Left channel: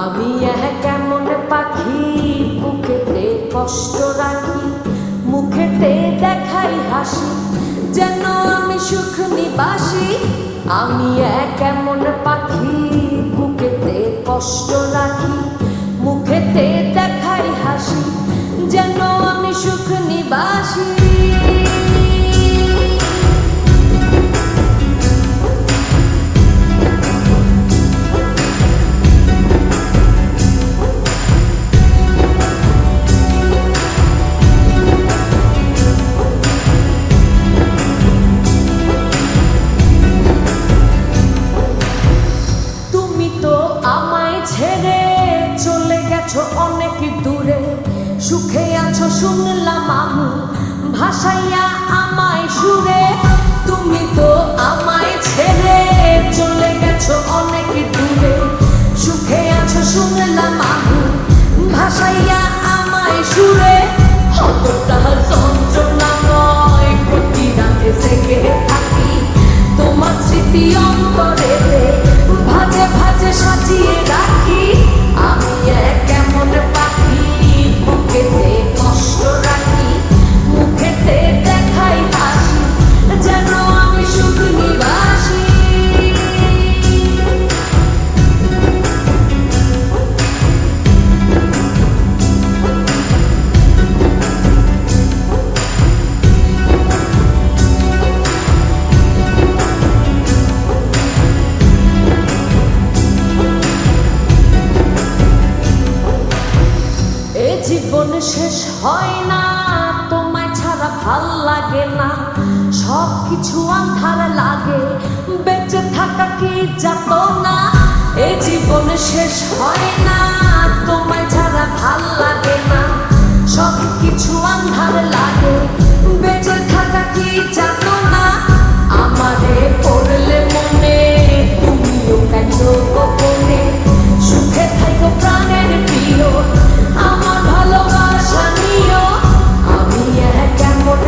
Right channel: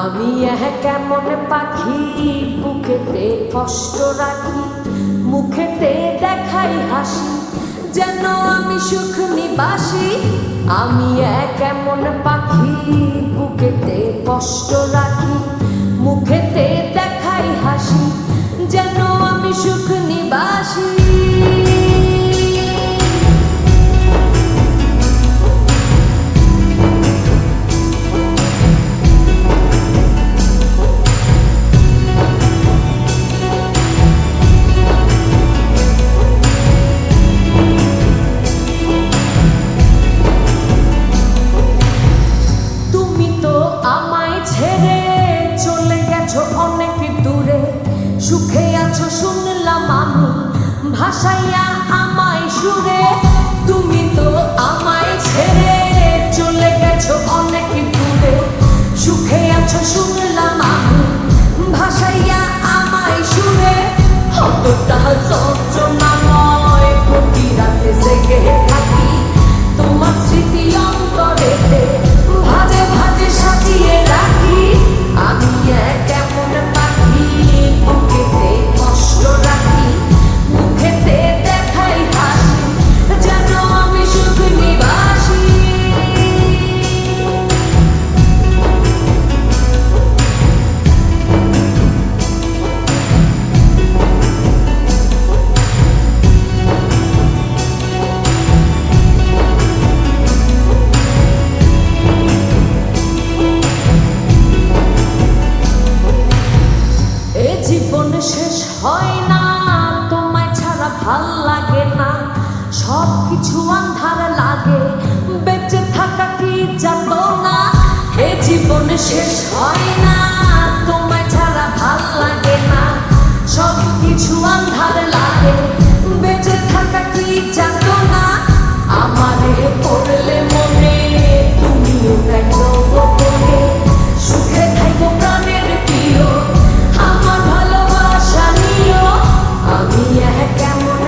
আমি কেমন পাখি বুকেতে কষ্ট রাখি, মুখেতে দেখাই হাসি, যেন আমি সুখ নিবাসী। আমি কেমন পাখি বুকেতে কষ্ট রাখি, মুখেতে দেখাই হাসি, যেন আমি সুখ নিবাসী। ছেড়ে চলে গেছো অনেক দূরে, সুখে আছো শুনলাম আমি, ভাসাইয়া আমায় সুরে। তুমি তো আমায় ছেড়ে চলে গেছো অনেক দূরে, সুখে আছো শুনলাম আমি, ভাসাইয়া আমায় সুরে। কতটা যন্ত্রণাময় প্রতি রাতে জেগে থাকি, তোমার স্মৃতি অন্তরেতে ভাজে ভাজে সাজিয়ে রাখি। আমি কেমন পাখি বুকেতে কষ্ট রাখি, মুখেতে দেখাই হাসি, যেন আমি সুখ নিবাসী। জীবন শেষ হয় না, তোমায় ছাড়া ভাল লাগে না, সব কিছু আন্ধার লাগে, বেঁচে থাকা কি যাতনা। এ জীবন শেষ হয় না, তোমায় ছাড়া ভাল লাগে না, সব কিছু আন্ধার লাগে, বেঁচে থাকা কি যাতনা। আমারে পড়লে মনে তুমিও কেন গোপনে, সুখে থাইকো প্রাণের প্রিয়, আমার ভালোবাসা নিও। আমি কেমন